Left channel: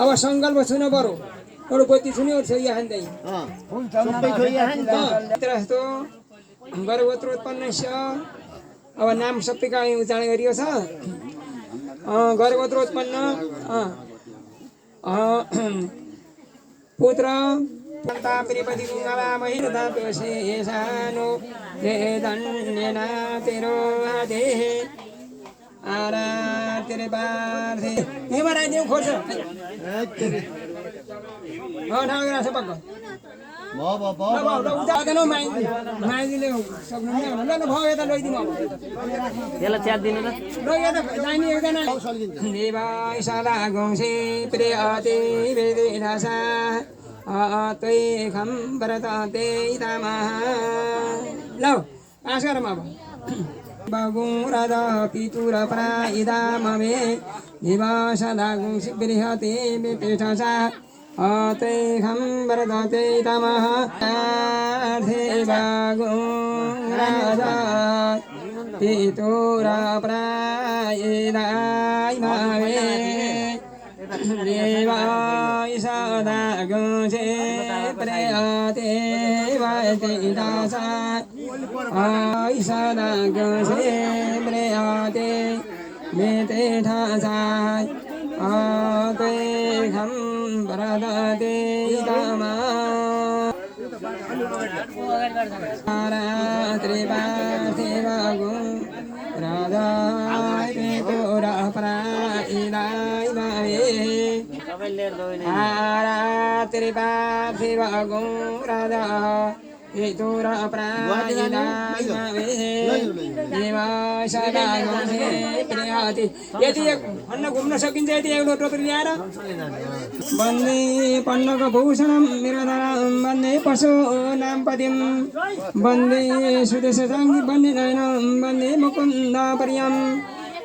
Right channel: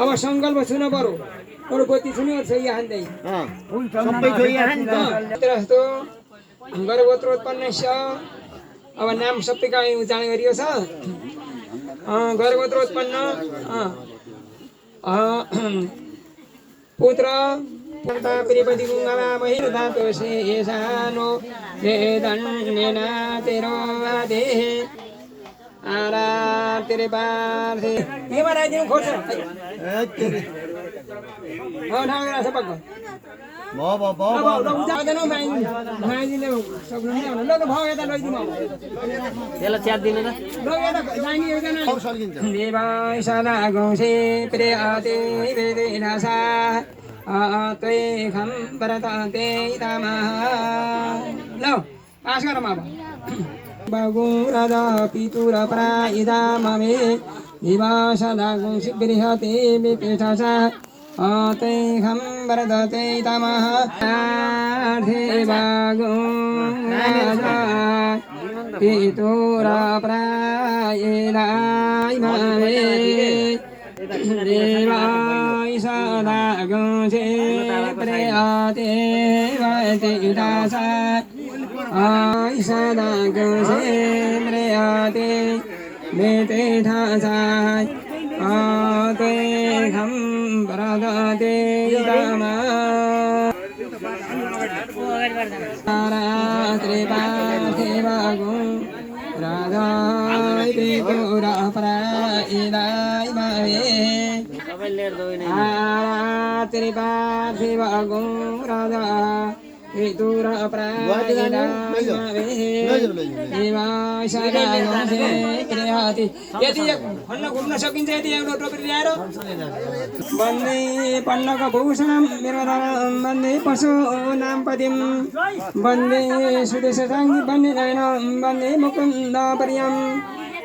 अब संकल्प छुन पर्यो अरू बत्ती छुने छोइ हान्दै सबै छोइ हान् त जस्तो गर्भोत्रोत्पन्नस्य अब नाम सबैका उच्चारण गरियो छ गर्भोत्रोत्पन्न पुत्र पुता प्रिपति गुंगवा महिरता पेशानो ये दन्यना तेरो आदे आरा तेरे बार थे ये मरा दियो खोज हो ठाउँ राछ पक्क जाँदैनौ माइदिले सक्नुहुन्न ल ल भयो यता लैदिनु अब त्यसलाई च्याट दिनु ल यता जाने एकजना देवाय सदा गौसे प्रियते वेदिनासा त्वे खम भरते तमः ल पास गरौँ अब बागुरद पितुर प्राइदा ममे दिवासदागुं बृहते विपिठसा ते खम भरते तमः बागुरद पितुर प्राइदा ममे दिवासदागुं प्रियते विपिठसा आयसदा गसे प्रयाते मेते ठासाय आते खम बरदते तमा रात्रिपा देवगु राजाय पितुरा प्राइदाय माये रात्रिपा देवगु राजा पितुरा प्राइदाय माये यदि भन्न घुम्न सकिन्छ यदि एउटा टोकरी ल्याएर वन्दे पल्लव भूषणं विरदानं वन्दे पशु नामपदिं वन्दे सुदेशसाङ्गी वन्दे नयनं वन्दे मुकुन्द प्रियं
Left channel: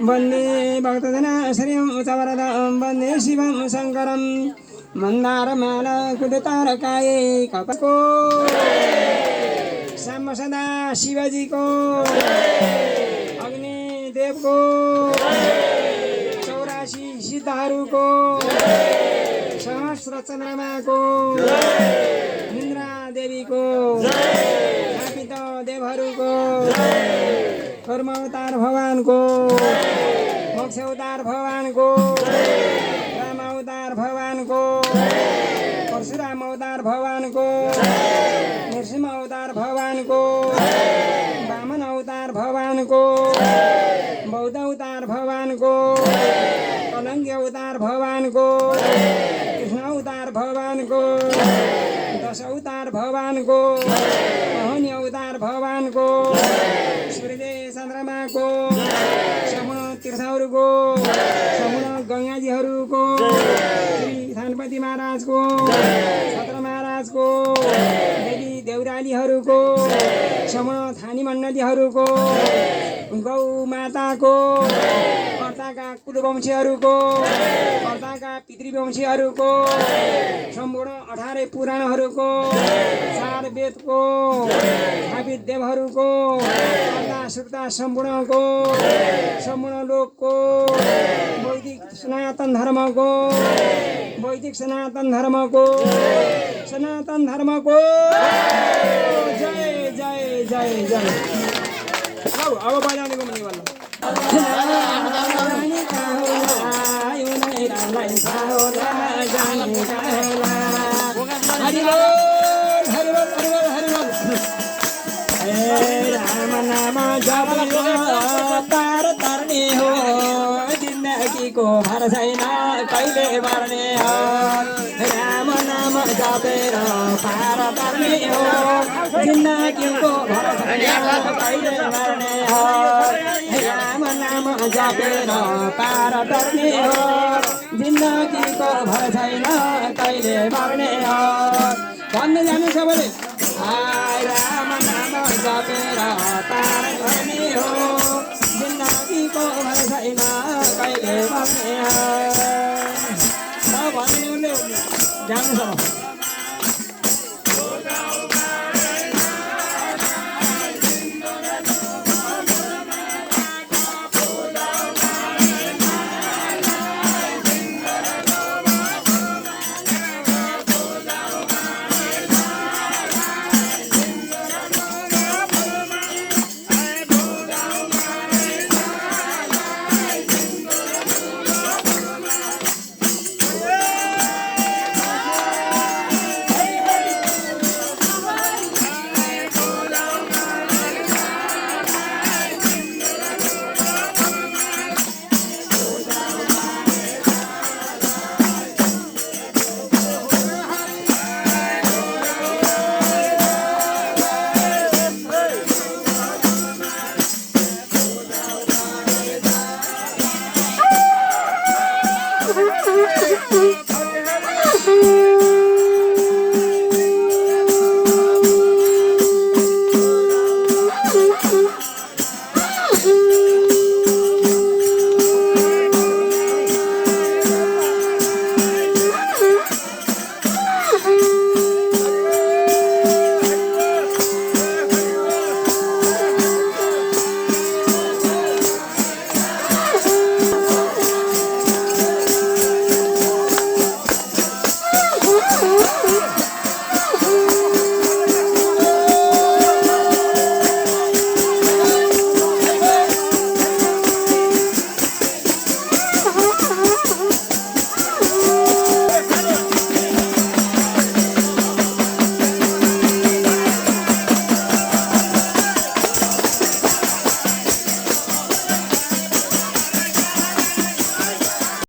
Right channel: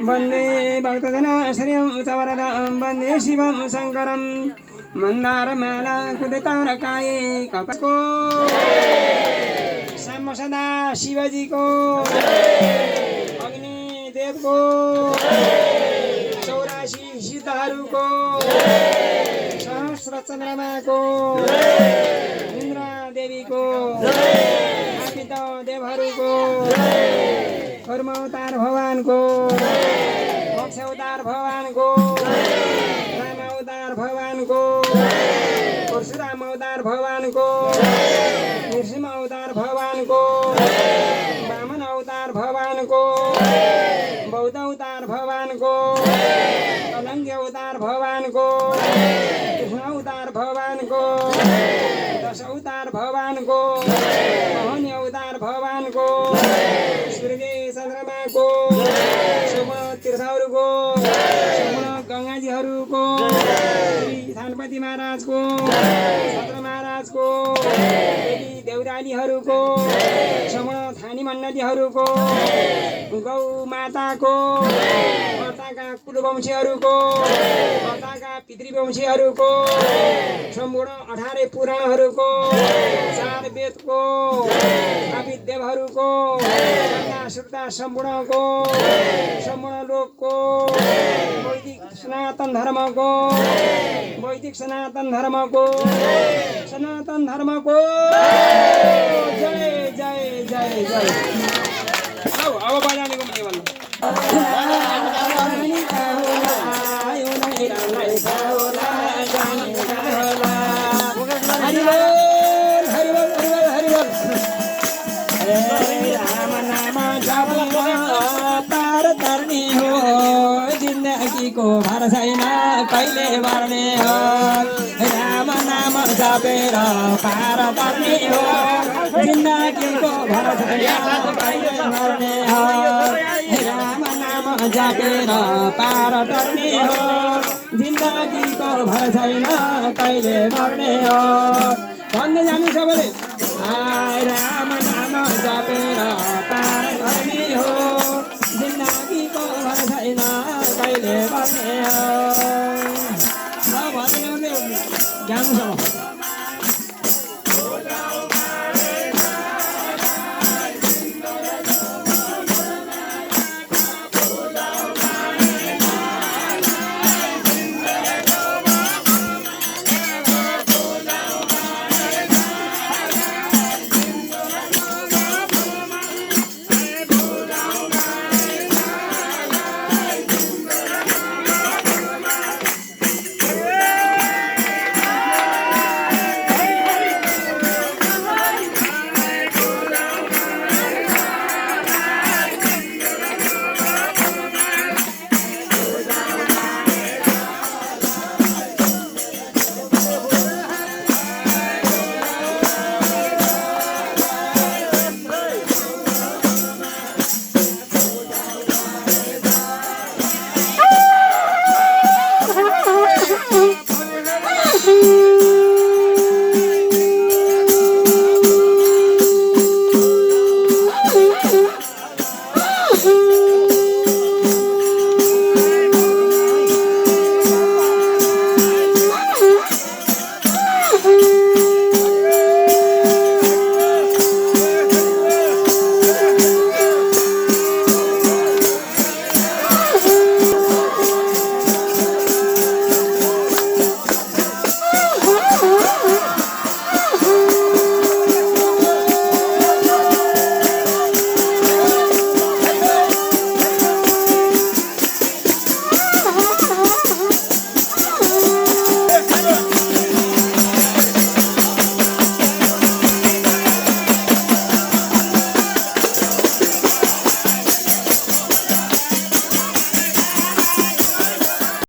वन्दे भक्तजनाश्रयं चवरदं वन्दे शिवं शङ्करं मन्दारमाला कुदतारकाये कपको साम सदा शिवजीको अग्निदेवको 84 सिद्धहरूको सहस्र चन्द्रमाको इन्द्रा देवीको स्थापित देवहरूको कर्मअवतार भगवानको मोक्ष अवतार भगवानको राम अवतार भगवानको परशुराम अवतार भगवानको नृसिंह अवतार भगवानको वामन अवतार भगवानको बौद्ध अवतार भगवानको कलङ्गी अवतार भगवानको कृष्ण अवतार भगवानको दश अवतार भगवानको मोहनी अवतार भगवानको सूर्य चन्द्रमाको सम्पूर्ण तीर्थहरूको सम्पूर्ण गङ्गाजीहरूको श्री थानपति महाराजको छत्र महाराजको देउरालीहरूको सम्पूर्ण थानी मण्डलीहरूको गौ माताको कर्ताका कुलवंशीहरूको कर्ताका पितृवंशीहरूको सम्पूर्ण 18 पुराणहरूको 4 वेदको स्थापित देवहरूको सुक्ता सम्पूर्णको सम्पूर्ण लोकको वैदिक सनातन धर्मको जय जय जय जय अब बजाने को नहीं वाला हरि बोल हरि बोल हरि बोल राम नाम जपो तार तरने हो जिंदगी को हर छैन कहिले मर्ने हो राम नाम जपेर पार पर्ने हो जिंदगी को हर छैन कहिले मर्ने हो राम नाम जपेर पार पर्ने हो जिंदगी को भर छैन कहिले मर्ने हो भन्दै जानु सबैले राम नाम जपेर पार पर्ने हो जिंदगी को भर छैन कहिले मर्ने हो भन्दै जानु હરે